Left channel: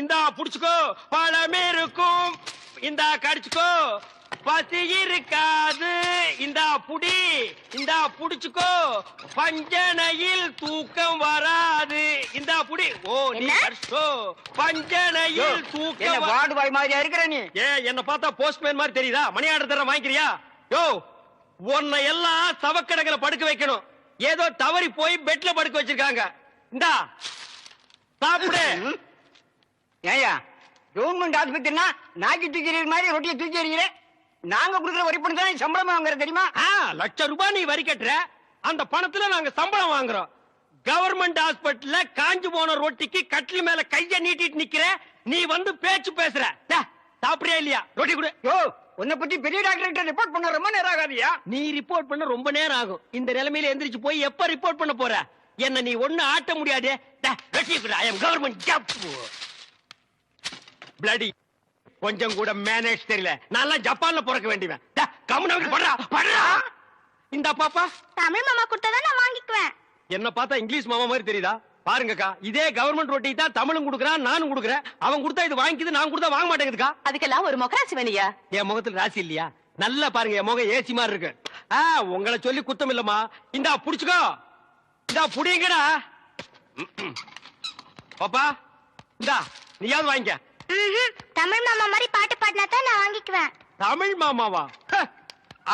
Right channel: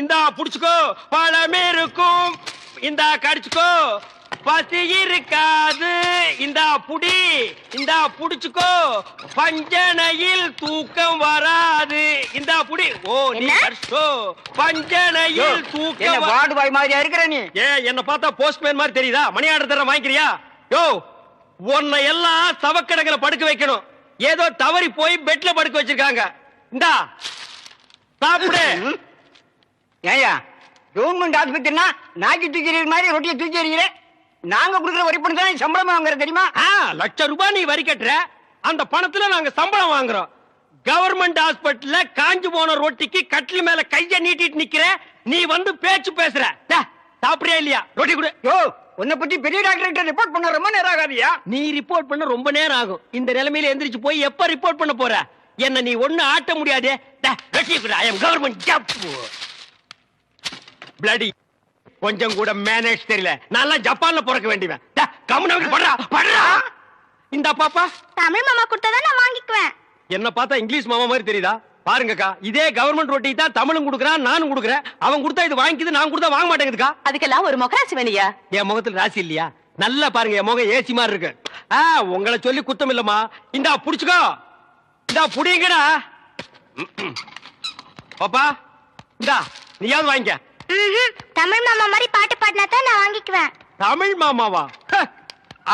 இந்தா புடிச்சுக்கோ, பழம் இருக்கும், இந்தா கடிச்சுக்கோ, பசி இருக்காது, இந்தா புடி, இந்தா புடிச்சுக்கோ, பஞ்சனையில் தூக்கம் வராது, இந்தா புடி. ஓ நீ கடிச்சோ, பஞ்சனையில் தூக்கம். வார்டு பாய் மாதிரியா இருக்கிற நீ? என்ன பார்த்தா போஸ்ட்மேன் மாதிரி தெரியுதா? மணி ஆர்டர் தர வாங்கிக்கிறியா? யோ, உன்னை எல்லாம் சவக்கடங்களை படுக்க வைக்கணும். ஏதோ தவறி போய் பெட்ல படுக்க வச்சிருக்காங்க. இந்தா சாப்பிடு. ஏயா கவர்மெண்ட் ஆஸ்பத்திரினா நாக்கி தூக்கி எறிகிற மாதிரி ரொட்டியை தூக்கி எறிகிறேன். நாங்க கொடுக்குற வரி பணம் தான் சம்பளம் வாங்குற தெரியுமா? லட்சம் ரூபாய் நீ வரி கட்டுற, அந்த பணத்துல நாங்க சம்பளம் வாங்குறோம். கவர்மெண்ட் ஹாஸ்பிட்டல்ல காஞ்சு போன ரொட்டிக்கு கட்டில் மேல கைய நீட்டிட்டு நிக்கிற, நீ வந்து பேச்சு பேசுற. சாப்பிடுறியா இல்லையா? ரொட்டி கொடு. யோ, உன்னை பத்தி பெரிய டாக்டர் ரிப்போர்ட் பண்ண ரொம்ப நேரம் ஆகாதியா? நீ ரிப்போர்ட் பண்ண ரொம்ப நேரம் ஆகும். இந்த நிலைமையில எந்திரிச்சு போய் எப்ப ரிப்போர்ட் பண்ண போற? என்ன நீ ஒண்ணு ஆட்ட முடியாது. Government job bloody. கொஞ்சம் கூட மேனேஜ் தெரியல. நான் ஜப்பான்ல பிறக்க வேண்டியவன். இந்த பாப்பா தமிழ் மாமா கொடுத்தா நான் வாங்கிக்குவேன். என்ன பார்த்தா இங்கிலீஷ் மாமா மாதிரி தெரியுதா? பாருங்கக்கா, இதே கவர்மெண்ட் ரொட்டி தான் தமிழும் குடுக்குறான், நானும் குடுக்குறேன். அவன் கொடுத்தா இது வாங்கிக்குது, நான் கொடுத்தா வாங்க மாட்டேங்குதுக்கா. அதுக்கெல்லாம் ஒரு முகராசி வேணியா? என் முகத்துல ராசி இல்லையா? நல்லா பாருங்க, என் முகம் ஏசி மாதிரி இருக்கு. உங்களை சொல்லி குத்தம் இல்லம்மா. இந்தா புடிச்சுக்கோ, இந்தா புடிங்கடா. பாப்பா இந்தா நீயாவது வாங்கிக்க. தமிழ் மாமா மாதிரி பாட்டு பாடினா தான் நான் வாங்கிக்குவேன். தமிழ் மாமாவா?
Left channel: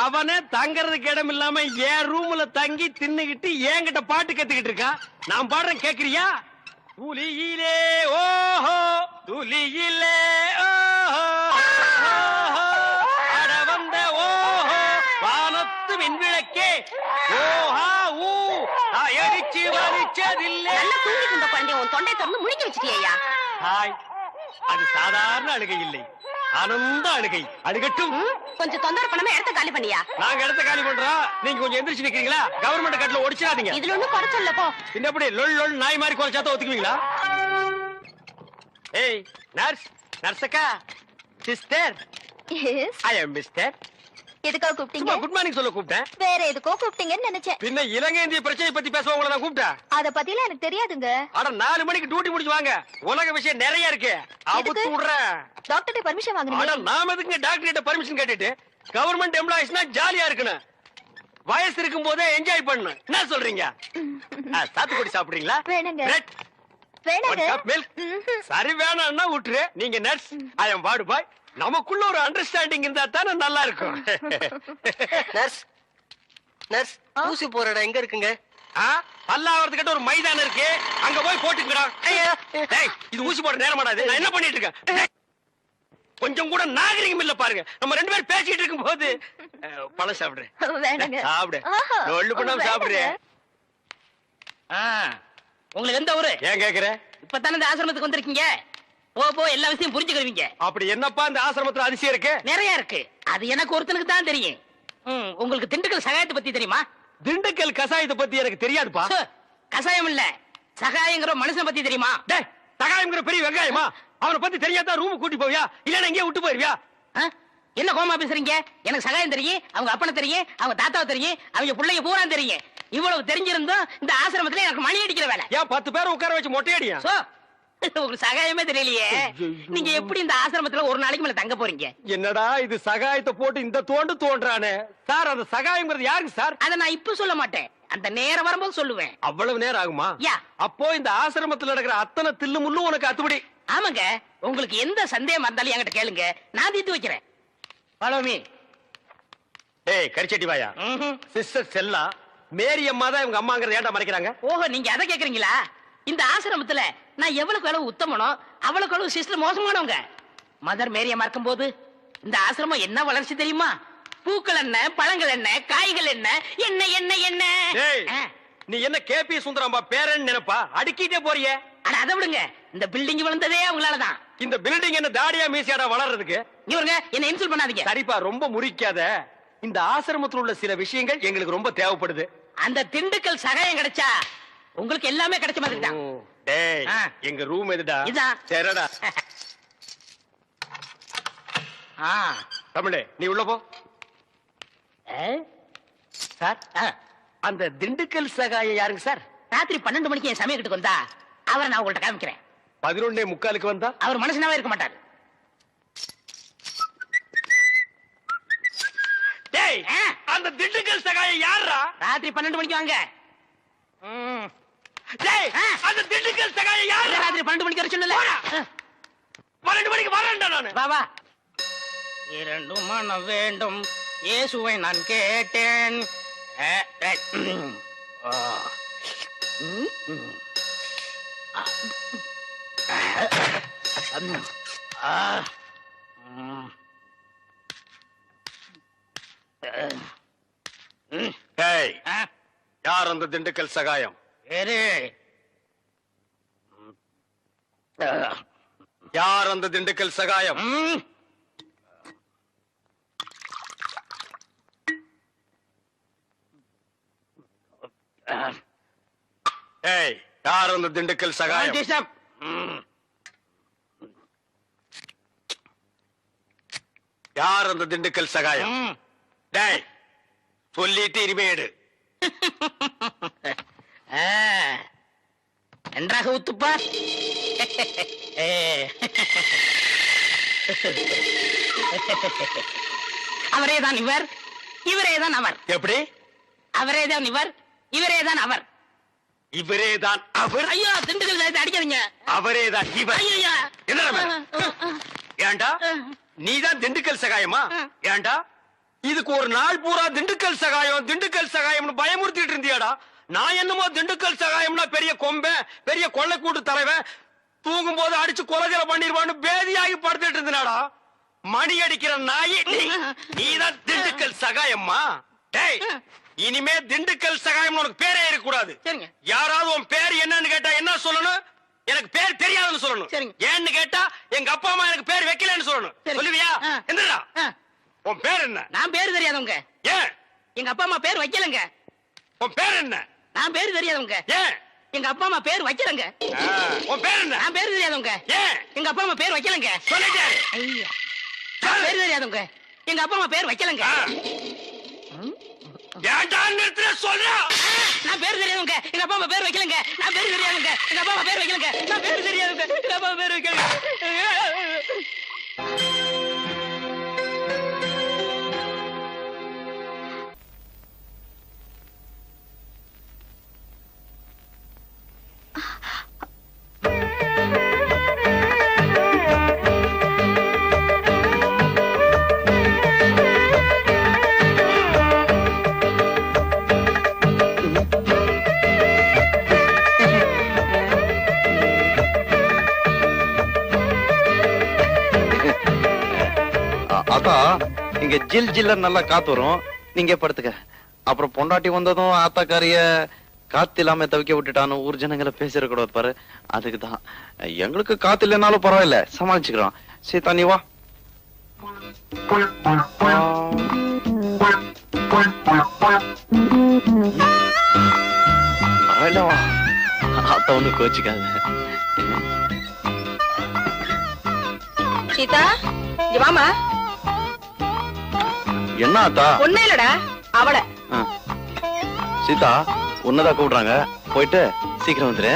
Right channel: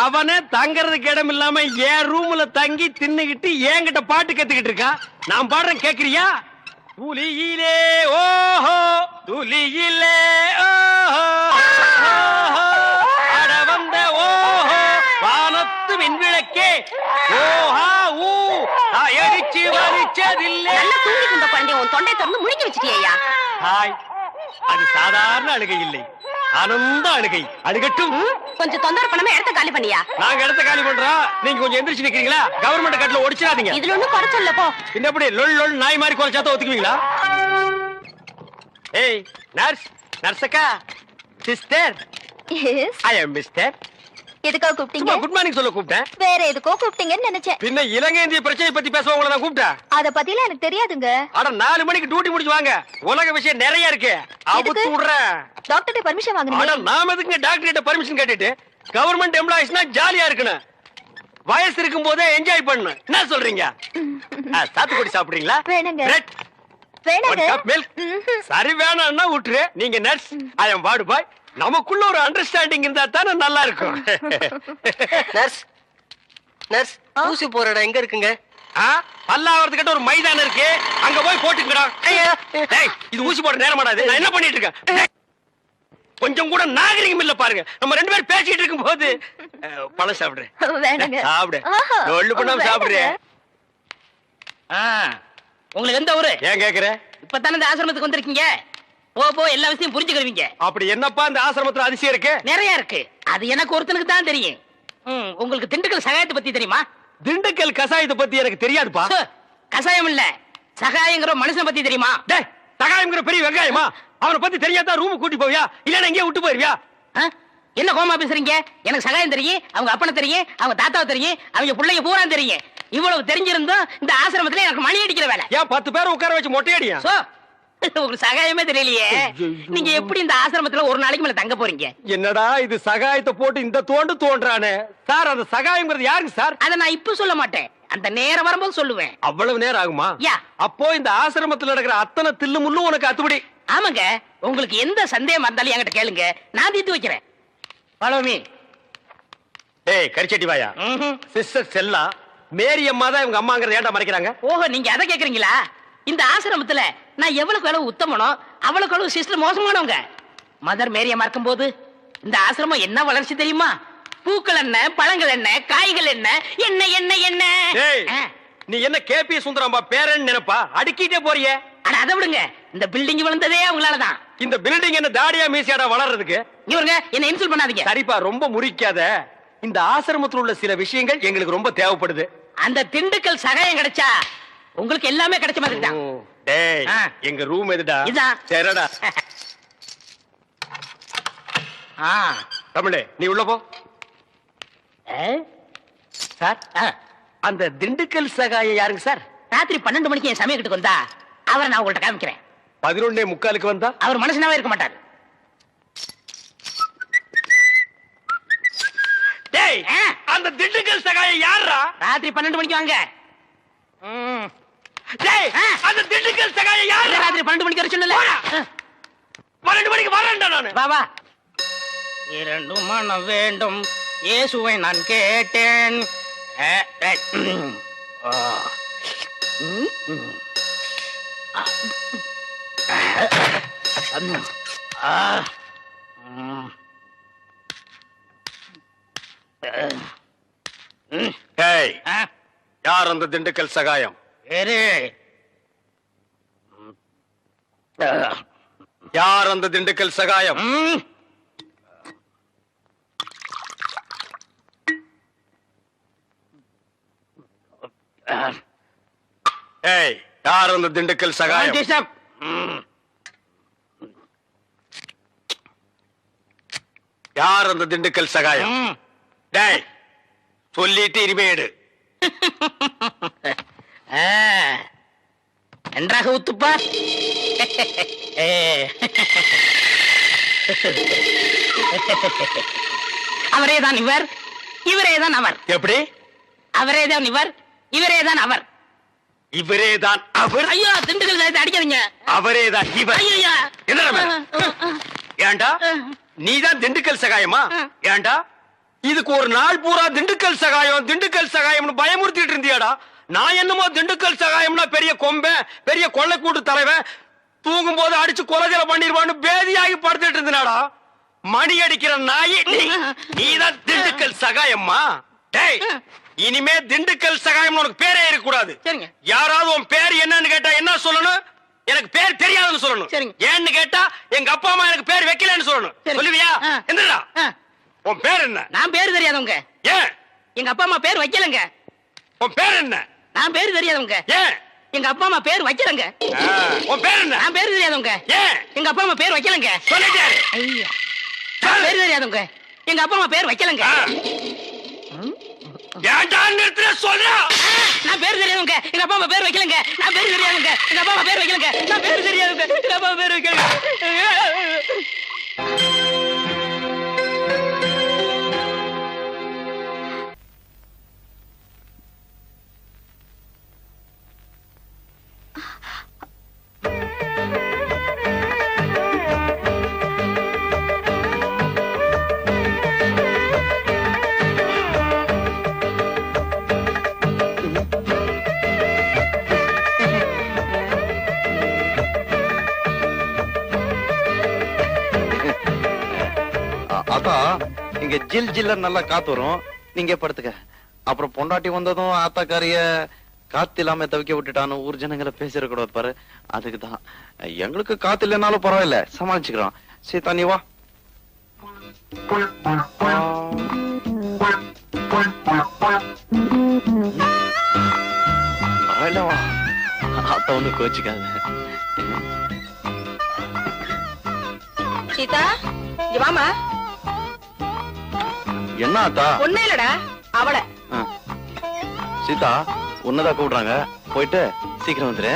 அவனே தங்கறதுக்கு இடம் இல்லாம என் ரூம்ல தங்கி தின்னுகிட்டு என்கிட்ட பாட்டு கத்துக்கிட்டு இருக்கான். நான் பாடுறேன், கேக்குறியா? துளியிலே ஓஹோ, துளியிலே ஓஹோ, அட வந்த ஓஹோ, வானத்து விண்விளக்கே ஓஹா ஊ, அடிச்சு வலிச்சதில்லை. நல்ல தூங்கி கொண்ட குழந்தை உன் தொண்டை திறந்து முழுங்கி வச்சிட்டியா? ஹாய், அது சாதாரண அழுகை இல்லை, ஆனந்த அழுகை. அழுகட்டும். கொஞ்சம் தொந்தரவு பண்ணாம இடத்த காலி பண்ணியா? நாங்க இடத்த காலி பண்றோம், நீங்க கொஞ்சம் எந்திரிச்சு நிக்கிறீங்களா? கவர்மெண்ட் கட்டல ஒடிச்சிடாதீங்க. இதுல ஒண்ணும் குறைச்சல்ல போ. இன்னப்படி லொல் லொல் நாய் மாதிரி குறைச்சாத ஒத்துக்குவீங்களா? ஏய் நர்ஸ், நர்ஸக்கா, சிஸ்டர். எஸ், ஐ அம் மிஸ்டர். எதுக்காக கூப்பிட்டீங்க? குட் மார்னிங் சொல்ல கூப்பிட்டேன். வேற எதுக்கோ கூப்பிட்டீங்கன்னு நினைச்சேன். பின்ன இலங்கை இந்திய பிரச்சனை பத்தி பேச உங்களை நான் கூப்பிட்டேன். அத பத்திலாம் எனக்கு தெரியாதுங்க. அட 4 மணிக்கு டியூட்டி முடிச்சு வாங்க, உலக விஷயம் நிறைய இருக்கு. அவுத்து விடுறேன். டாக்டர்ட்ட பர்மிஷன் அட வாங்குறீங்க? நாம எதுக்கு டாக்டர் கிட்ட பர்மிஷன் கேட்டுட்டு? கவர்மெண்ட் எம்ப்ளாயிஸ்னா ஜாலியா இருக்கணும், வயசு இருக்கும் போதே என்ஜாய் பண்ணணும். என்ன சொல்றீங்க? சாத்துக்குடி சாப்பிடுறீங்களா? வேணுங்க. பிரெட், வேணாங்க. மில்க். சரி வேணாம்னா விட்டுரு. நீங்க நர்ஸ், ஐ அம் வார்டு பாய். நமக்குள்ள ஒரு அண்டர்ஸ்டாண்டிங் இருந்தா தானே நல்லா இருக்கும். நர்ஸ், நர்ஸ், ஊசி போற இடம் எங்க இருக்குங்க? பல்லாவரத்துக்கிட்ட ஒரு மைதானம் இருக்கு, அங்க போய் போட்டுக்கிறோம். இது ஊசி போட நேரம் ஆடாது. நான் என்ன பண்ணிட்டு இருக்கேன்? கொஞ்சம் கூட நாகரிகம் இல்ல பாருங்க. நம்ம 2 பேரும் பேசிட்டு இருக்கும் போது பழம் சாப்பிடுறேன். வேணாங்க. சாப்பிடு, ஒண்ணு பண்ணாம சாப்பிடுறேன். உங்களுக்கு எந்த ஊரு? ஏன் கேக்குற? இப்பதானே இந்த ஆசிரமத்துக்கு வந்திருக்கீங்க, போ போ எல்லா விஷயம் புரிஞ்சுக்கிறீங்க. அப்படி என்னப்பா இந்த ஆசிரமத்துல அதிசயம் இருக்கு? நிறைய இருக்கு, அது எனக்கு ஒருத்தனுக்கு தான் தெரியும். உங்களுக்கு திண்டுக்கல் சகாயத்தை பத்தி தெரியுமா? திண்டுக்கல் கசாயத்தை பத்தி எனக்கு தெரியாதுப்பா. கசாயம் இல்ல, சகாயங்கிற மனுஷன் பத்தி தெரியுமா? சகாயம்ங்கிற பெரிய வெங்காயமா? அவனை பத்தி தெரியாதா ரூம் கூட்டி போவியா, இல்லன்னா எங்கேயே விட்டு போயிருவியா? என்ன கோமா பேசுறீங்க? எனக்கு சகாயம் தெரியும், அவங்க அப்பனை தெரியும், அவங்க தாத்தாவை தெரியும், அவங்க பிள்ளைங்க பூரா தெரியும். இவ்வளவு தெரிஞ்சிருந்தும் இந்த ஆசிரமத்துல எனக்கு மணி அடிக்கிற வேலை. ஏன் 10 பேரை உட்கார வச்சு மொட்டையடியா? உங்களுக்கு சகாயமே தெரியலையே, நீங்க எப்படி இந்த ஆசிரமத்துல ஒரு நாளைக்கு மேல தங்க போறீங்க? என்னடா இது சகாயத்தை போட்டு இந்த தோண்டு தோன்றானே சார். அந்த சகாயம்ங்கிறது யாருக்கு சார்? அதை நான் இப்ப சொல்ல மாட்டேன், அந்த நேரம் வரும்போது சொல்லுவேன். அவ்வளவு நேரம் ஆகுமா? யா. அப்போ இந்த ஆசிரமத்துல நடக்கிற அத்தனை தில்லு முள்ளும் உனக்கு அத்துபடி? ஆமாங்க, உங்களுக்கு எந்த சந்தேகம் இருந்தாலும் என்கிட்ட கேளுங்க, நான் தீர்த்து வைக்கிறேன். Follow me. ஏய் கரிச்சட்டி வாயா. சிஸ்டர் செல்லா, மேரி அம்மா தான் இவங்க அம்மாங்கறத ஏன்டா மறைக்கிறாங்க? ஓஹோ, நீங்க அதை கேக்குறீங்களா? இந்த ஆசிரமத்துல நான் எவ்வளவுக்கு அளவு உத்தமனோ அவ்வளவுக்கு அளவு சிஸ்டர் மோசமானவங்க. மதர் மேரி அம்மா இருக்கும்போது இந்த ஆசிரமம் என்ன வளர்ச்சி தெரியுமா? பூக்கள் என்ன, பழங்கள் என்ன, காய்கள் என்ன, என்ன என்ன என்ன. நீ என்ன கேபி சுந்தரம்பா பேரன் நினைப்பா? அடிக்கிட்டே போறியே. அட அதை விடுங்க, இந்த பில்டிங் விழுந்ததே அவங்களாலதான். இந்த பில்டிங் என்ன தாடியா மீசியாடா வளர்றதுக்கு? இவருங்க என்ன இன்சல்ட் பண்ணாதீங்க. சரிப்பா, ரொம்ப முறிக்காத. இந்த ஆசிரமத்தில் உள்ள சில விஷயங்கள் எங்களுக்கு ரொம்ப தேவைப்படுது. அந்த திண்டுக்கல் சகாயம் கிடைச்சா உங்களுக்கு எல்லாமே கிடைச்ச மாதிரி தான். டேய், எங்க ரூம் எதுடா? இதான். சரிடா. தமிழே, நீ உள்ள போ. சார், அந்த திண்டுக்கல் சகாயம் யாருங்க சார்? ராத்திரி 12 மணிக்கு என் சமயக்கிட்டு வந்தா அவரை நான் உங்கள்ட்ட காமிக்கிறேன். 11:45 வந்தா அவர் மனுஷனாவே இருக்க மாட்டாரு. டேய், அந்த திண்டுக்கல் சகாயம் யாரா? ராத்திரி 12 மணிக்கு வாங்க. டேய், அந்த திண்டுக்கல் சகாயம் யாரா? ராத்திரி 12 மணிக்கு வர சொன்னல. 12 மணிக்கு வரேன்டா நானு. வா வா. இரண்டு மனம் வேண்டும் இயேசுவை நான் கேட்டேன். டேய், யார் அந்த திண்டுக்கல் சகாயம்? யார் அந்த திண்டுக்கல் சகாயம்? டேய், யார் அந்த திண்டுக்கல் சகாயம்? யார் அந்த திண்டுக்கல் சகாயம்? டேய், சொல்லிட்டு இனிமே எடு. நன்றாக ஊத்துப்பா. அவரேதான் இவர், இவரேதான் அவர். எப்படி? அவரேதான் இவர், இவரேதான் அவர். இவரேதான் அவர். ஐயோ, திண்டுக்கல் சாயத்தை அடிக்காதீங்க. அவரேதான் இவர். ஐயா, ஏண்டா நீதான் திண்டுக்கல் சகாயமா? ஏண்டா இதுக்கு ஒரு நாள் பூரா திண்டுக்கல் சகாயம் திண்டுக்கல் சகாயம்னு பயமுறுத்திட்டு இருந்தியாடா? நான் என்னமோ திண்டுக்கல் சகாயம்னா பெரிய கொம்பன், பெரிய கொள்ளைக்கூட்டு தலைவன், தூங்கும் போது அடிச்சு கொலைகளை பண்ணிடுவான்னு பேதியாகி படுத்துட்டு இருந்தாடா. மணி அடிக்கிற நாயி நீதான் திண்டுக்கல் சகாயம்மா? டேய், இனிமே திண்டுக்கல் சகாயம் உனக்கு பேரே இருக்கக்கூடாது. யாராவது உன் பேர் என்னன்னு கேட்டா என்ன சொல்லணும்? எனக்கு பேர் தெரியாதுன்னு சொல்லணும். ஏன்னு கேட்டா எங்க அப்பா அம்மா எனக்கு பேர் வைக்கலன்னு சொல்லணும். சொல்லுவியா? எந்திரா. உன் பேர் என்ன? நான் பேர் தெரியாதவங்க. ஏன்? எங்க அப்பா அம்மா பேர் வைக்கலங்க. உன் பேர் என்ன? நான் பேர் தெரியாதவங்க. ஏன்? எங்க அப்பா அம்மா பேர் வைக்கலங்க. உன் பேர் என்ன? நான் பேர் தெரியாதவங்க. ஏன்? எங்க அப்பா அம்மா பேர் வைக்கலங்க. சொல்லிட்டாரு. ஐயா, பேர் தெரியாதவங்க. எங்க அப்பா அம்மா பேர் வைக்கலங்க. ஏன்டா நிறுத்துற சொல்றா? நான் பேர் தெரியாதவங்க. எங்க அப்பா அம்மா பேர் வைக்கலங்க. நான் பேர் தெரியாதவங்க. எங்க அப்பா அம்மா பேர் வைக்கலங்க. நான் பேர் தெரியாதவங்க. எங்க அப்பா அம்மா பேர் வைக்கலங்க. அத்தா, இங்க ஜில் ஜில்ல நல்லா காத்து வரும், நீங்க படுத்துக்க. அப்புறம் பொண்டாட்டி வந்ததும் ஆத்தாக்காரிய காத்து இல்லாம தவிக்க விட்டுட்டான்னு ஊர் ஜனங்களை பேசிடக்கூடாது பாரு. அதுக்குதான் எங்களுக்கு காத்து இல்லைனாலும் பரவாயில்ல, சமாளிச்சுக்கிறோம். சீதா, நீ வா. பரவாயில்ல, வா. அத்தா ஒண்ணு கோச்சுக்காது. சீதா, இங்க வாமா. என்ன அத்தா? ஒண்ணு இல்லடா, அவளை. சீதா, உன்னதான் கூப்பிடுறாங்க, போயிட்டு சீக்கிரம் வந்துரு.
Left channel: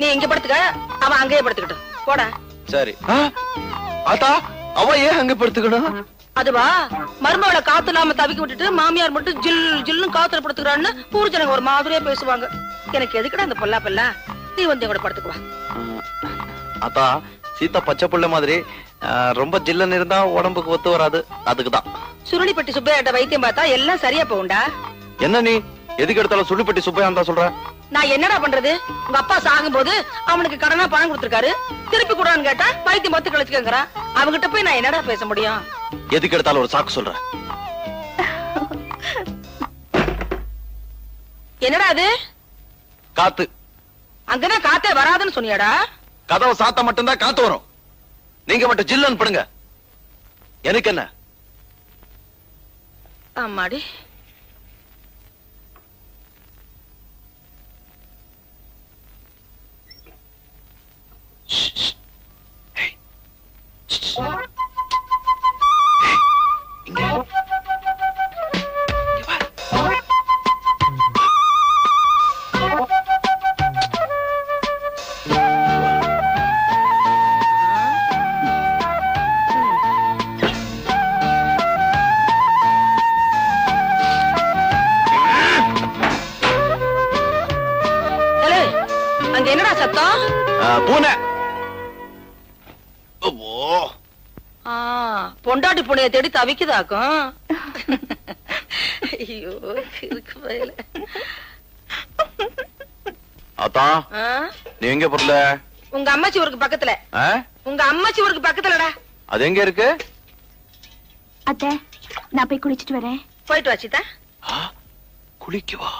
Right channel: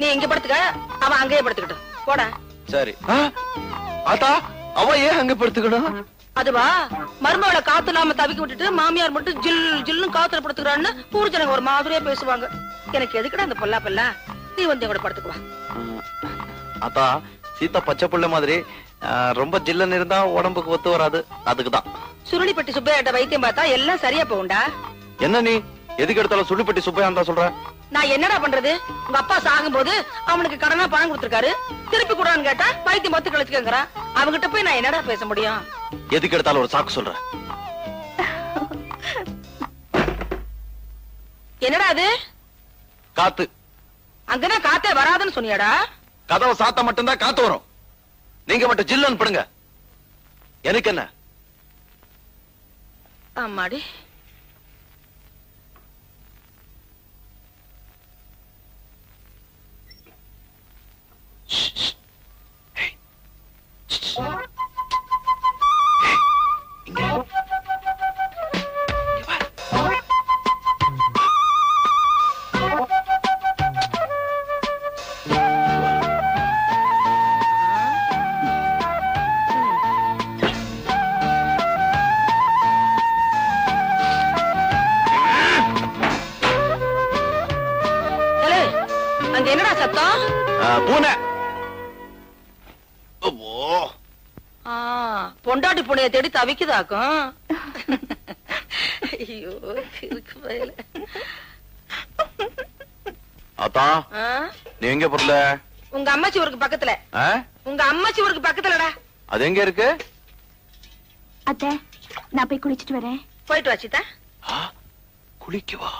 நீ இங்க படுத்துக்க, அவன் அங்கேயே படுத்துக்கிட்டு போடா. சரி. அத்தா, அவ ஏன் அங்க படுத்துக்கணும்? அதுவா, மருமகளை காத்து இல்லாம தவிக்க விட்டுட்டு மாமியார் மட்டும் ஜில் ஜில்னு காத்துல படுத்துக்கிறான்னு ஊர் ஜனங்க ஒரு மாதிரியா பேசுவாங்க. எனக்கு எதுக்குடா அந்த பொல்லா பெல்லா? நீ வந்து கூட படுத்துக்குவா. அத்தா, சீதா பச்சை புள்ள மாதிரி ரொம்ப ஜில்லன்னு இருந்தா உடம்புக்கு ஒத்து வராது, அதுக்குதான். சுருளிப்பட்டி சுப்பையாட்ட வைத்தியம் பார்த்தா எல்லாம் சரியா போகும்டா. என்ன நீ எதுக்கு எடுத்தாலும் சுருளிப்பட்டி சுப்பையா தான் சொல்ற? நான் என்னடா பண்றது? உங்க அப்பா சாகும் போது அவனுக்கு கடனா பணம் கொடுத்திருக்காரு, திருப்பி கூடான்னு கேட்டா வைத்தியம் பார்த்து கழிச்சுக்கங்கிறான். அவங்கிட்ட போய் நான் என்னடா பேச முடியும்? எதுக்கு எடுத்தாலும் ஒரு சாக்கு சொல்ற. என்னடா அது? காத்து. அங்கதான் காத்தே வராதுன்னு சொன்னியாடா? கதவை சாத்த மட்டும்தான் காத்து வரும், நீங்க மட்டும் ஜில்லன்னு படுங்க. எனக்கு என்ன? ஆமாடி. அங்க என்னடா சத்தம்? பூனை. பொண்டாட்டி புனைய தேடி தவிக்குதாக்கும். ஐயோ இருக்கு வயல. அத்தா நீ எங்க பொருள? உங்க அம்மாச்சி ஊருக்கு பக்கத்துல. உங்க அம்மாச்சி ஊருக்கு பக்கத்துலடா. அது எங்க இருக்கு? அத்தை நான் போய் குளிச்சிட்டு வரேன். போயிட்டு வா சீதா. குளிக்கவா?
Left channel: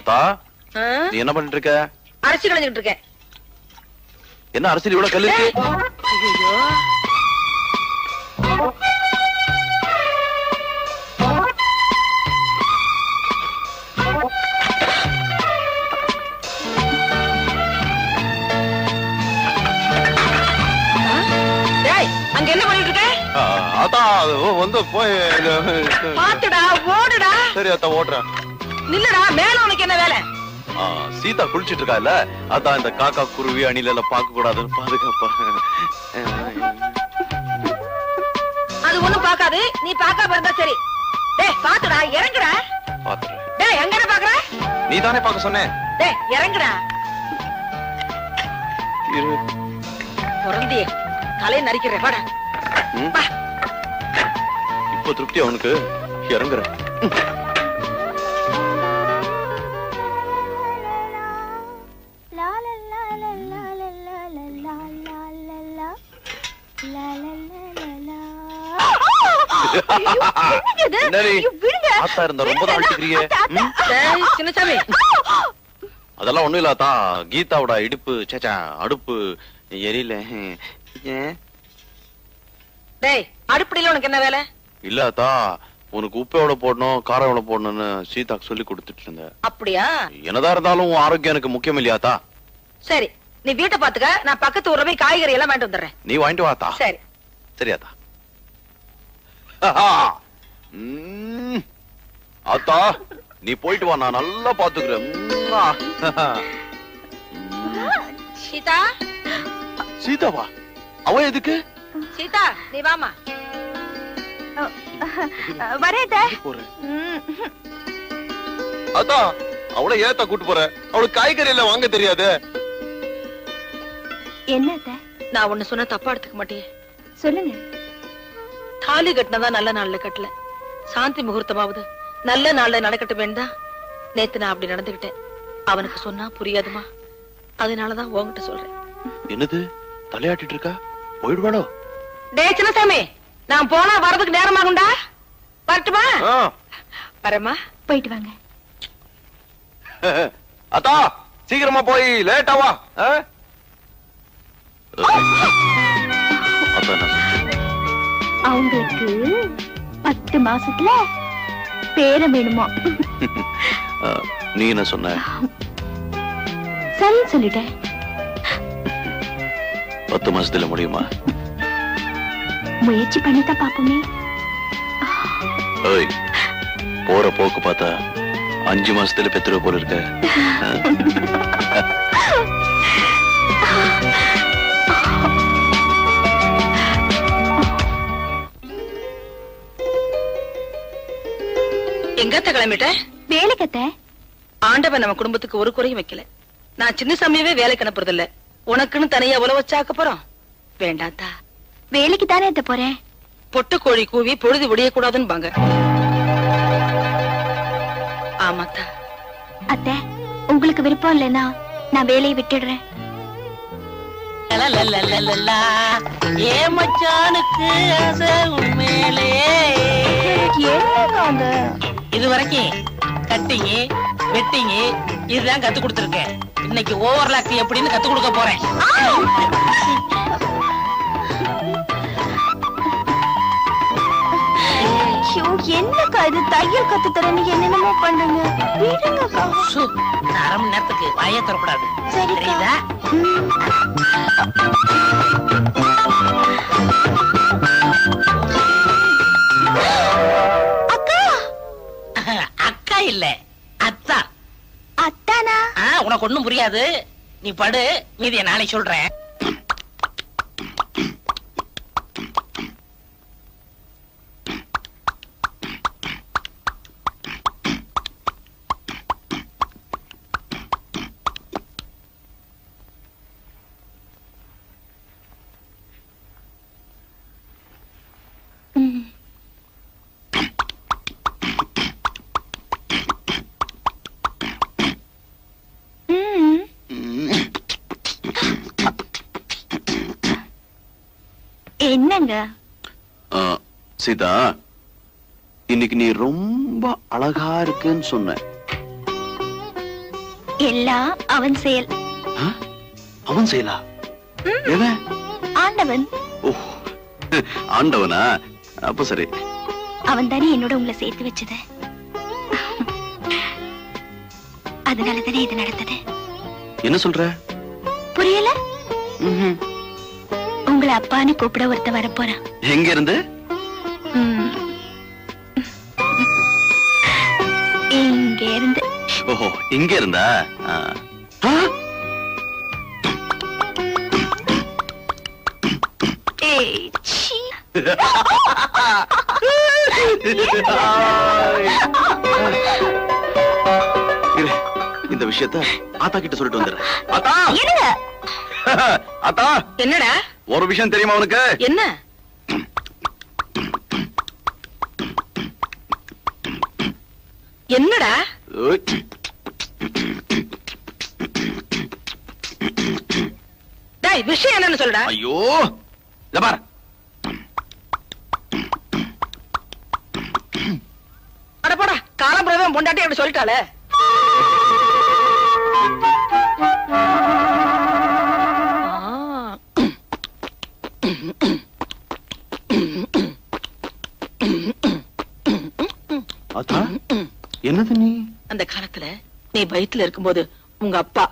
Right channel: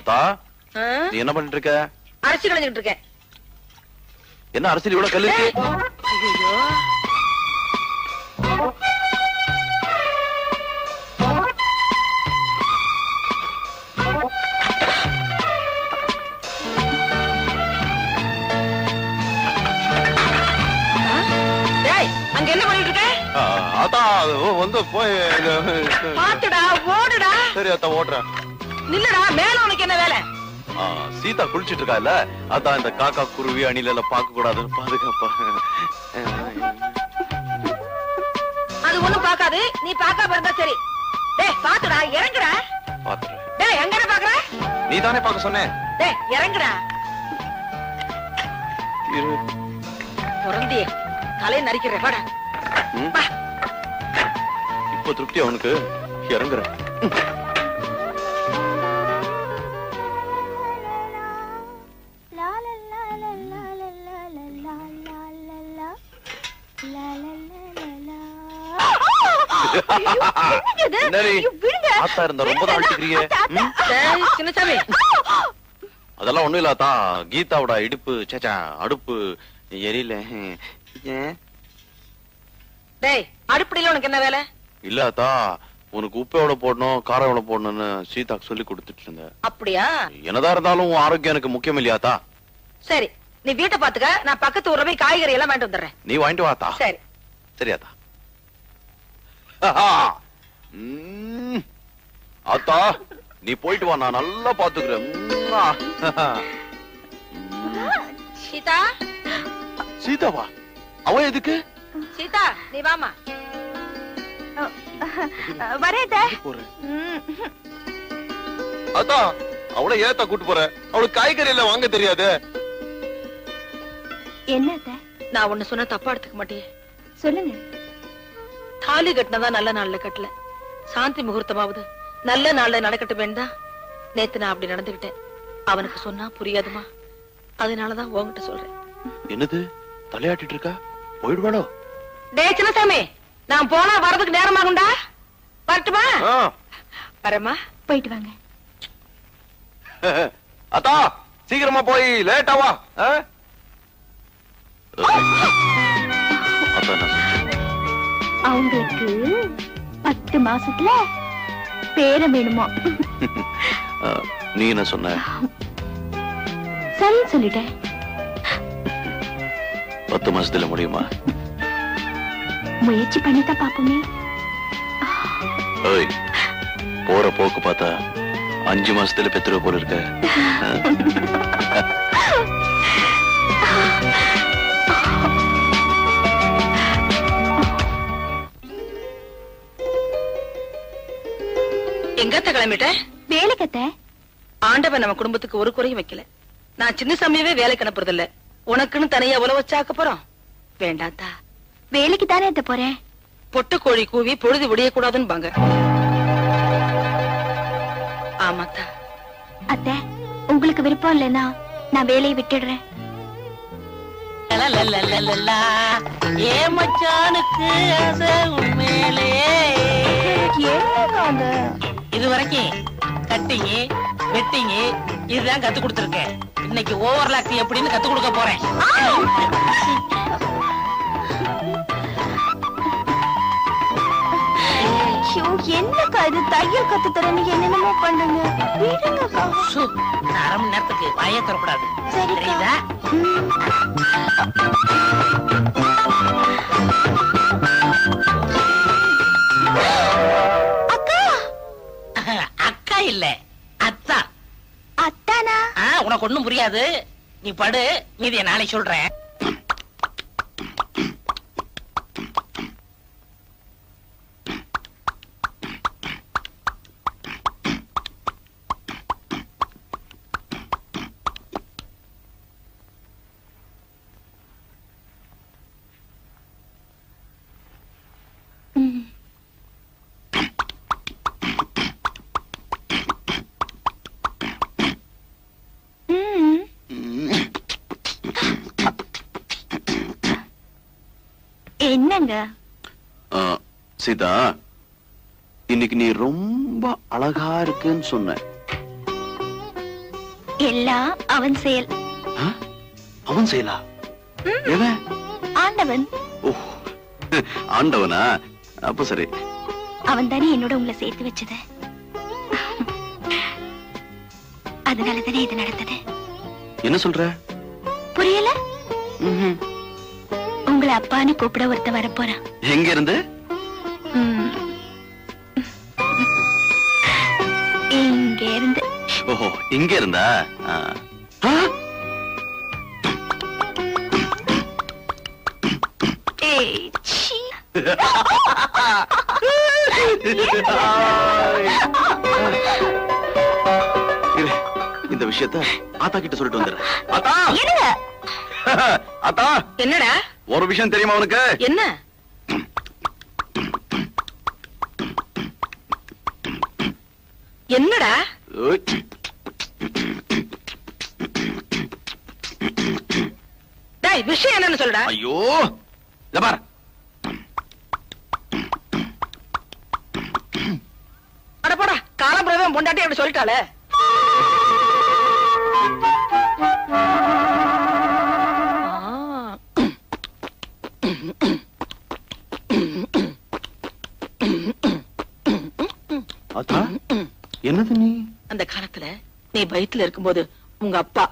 அத்தா நீ என்ன பண்ணிட்டு இருக்க? அரிசி களைஞ்சிட்டு இருக்கேன். என்ன அரசியல் இவ்வளவு கல்லு இருக்கு? ஐயோ அங்க என்ன பண்ணிட்டு இருக்க? அத்தா வந்து போய் பாத்துடா ஓடுடா. சரி அத்தா ஓடுறேன். நில்லுடா மேல உனக்கு என்ன வேலை? சீதா குளிச்சிட்டு இருக்கா இல்ல, அதான் இந்த காக்கா குருவி அணில எல்லாம் பார்க்க கூடாதுன்னு பாதுகாப்பா. அது ஒண்ணும் பாக்காது, நீ பாக்காம இருந்தா சரி. டேய் பாத்துடா இறங்குடா. பாத்துறேன். டேய் எங்க பாக்குற? நீ தானே பார்க்க சொன்ன. டேய் இறங்குடா. பொறந்தியே தலை நரிக்கிறேன் வாடா. இப்போ திருப்தி அவனுக்கு இறங்குற. அதெல்லாம் ஒண்ணும் இல்லாதா, கீதாவோட இடுப்பு சேச்சா அடுப்பு எரியல. டேய் அடுப்படியில உனக்கு என்ன வேலை? இல்லாதா உனக்கு உப்பு எவ்வளவு போடணும் காரம் எவ்வளவு போடணும்னு சீதாக்கு சொல்லி கொடுத்துட்டு இருந்தேன். அப்படியா? என்னதான் இருந்தாலும் ஆரோக்கியம் எனக்கு முக்கியம் இல்லையாத்தா. சரி நீ வீட்டை பாத்துக்க, நான் பக்கத்து ஊர்ல போய் காய்கறி எல்லாம் வாங்கிட்டு வந்துடுறேன். நீ வாங்கிட்டு வாத்தா. சரி சரியாத்தா. அத்தா நீ போயிட்டு வா, நான் நல்லா பாத்துக்கிறேன். சீதா. சீதாவா? அவ எதுக்கு? சீதா நீ வாமா. வரேன். அத்தா அவளை ஏத்தா கூட்டு போற? அவளுக்கு காய்கறி எல்லாம் வாங்க தெரியாது. என்ன? நான் ஒண்ணு சொன்ன தப்பா எடுத்துக்க மாட்டேன். சொல்லுங்க. தாலி கட்டினதா நல்ல நாள்ல கட்டல, சாந்தி முகூர்த்தமாவது நல்ல நாள்ல நடக்கட்டும் வேண்டாம். நேத்து நான் அப்படி நடந்துகிட்டேன். அவனுக்கு சொன்னா புரியாதுமா, அதனாலதான் உன்கிட்ட சொல்றேன். என்னது தலையாட்டிட்டு இருக்கா? போயிடுவாளோ? டே சின்னசாமி, நான் போனா வரதுக்கு நேரமாகும்டா. வரட்டுமா? வரமா. போயிட்டு வாங்க. அத்தா சீக்கிரமா போய் லேட்டாவா. அவங்களுக்கு 10 மாசத்துல பேரம் வேணுமா? நீ என்ன சொன்ன? சரி சொல்லிட்டேன். 10 மாசத்துல முடியுமா? முயற்சி பண்ணிதான் பாப்போமே. போற போக்கு பார்த்தா 5 மாசத்துல பெத்துருவ போல இருக்க. எங்கத்த கிளம்பிட்ட? வேலைக்கத்த. ஆண்டவன் நம்ம குடும்பத்துக்கு ஒரு குறையும் வைக்கல. நான் சின்ன சமயவே வேலைக்கு அனுப்புறது இல்ல. உனக்குன்னு தனியா உழவு வச்சாக்க போறோம். வேண்டாத்தா. வேலைக்கு தானே எத்த போறேன். பொட்டு கோழி கூவி பொழுது விடிய கூடாதுன்னு பாங்க. ஆமாத்தா. அத்தை உங்களுக்கு விருப்பம் இல்லைன்னா நான் வேலையை விட்டுடுறேன். ஏ மச்சானுக்கு ஆசை உண்மையிலே. இது வரைக்கும் கட்டிங் வெட்டிங் இதுதான் கத்து கொடுத்துருக்கேன். இன்னைக்கு ஓவர்லாக் எப்படின்னு கத்து கொடுக்க போறேன். என்னக்கா இது தையல் கத்து தரேன்னு என்னென்னமோ பண்றீங்க. அரை மணி நேரத்துக்கு வாயே தரக்கூடாது. சரிதா. அக்கா. அக்கா இல்ல அத்தா. அத்தானா? உனக்கு ஒண்ணும் புரியாது. நீ படு, மீதிய நாளைக்கு சொல்றேன். என்னங்க? சீதா, இன்னைக்கு நீ ரொம்ப அழகா இருக்குன்னு சொன்ன. எல்லாம் அவன் செயல். அவன் செய்யலா? ஆண்டவன். ஓ, ஆண்டவனா? அப்ப சரி. அவன் தானே என்னோட உங்களை சேர்த்து வச்சது. அதனாலதானே இது நடந்தது. என்ன சொல்ற? புரியல? உங்களை அப்பான்னு கூப்பிட ஒருத்த வரப்போறான். எங்க இருந்து? இங்க இருந்து. ஓஹோ, இங்க இருந்தா? இந்த விஷயத்த ஆத்தா கிட்ட சொல்லிட்டு வந்துடுறேன். ஆத்தா! ஆத்தா! என்னடா? ஒரு விஷயம் தெரியுமா உனக்கு? என்ன? என்னடா? டேய், விஷயம் என்னன்னு சொல்லுடா. ஐயோ, இத பாரு. அட போடா, காலம்புறதான் பொண்டாட்டி அப்படி சொல்லிட்டாளே. ஆத்தா, என்னது நீ? அந்த காலத்துல நீ வயித்துல இருக்கும்போது உங்க அப்பா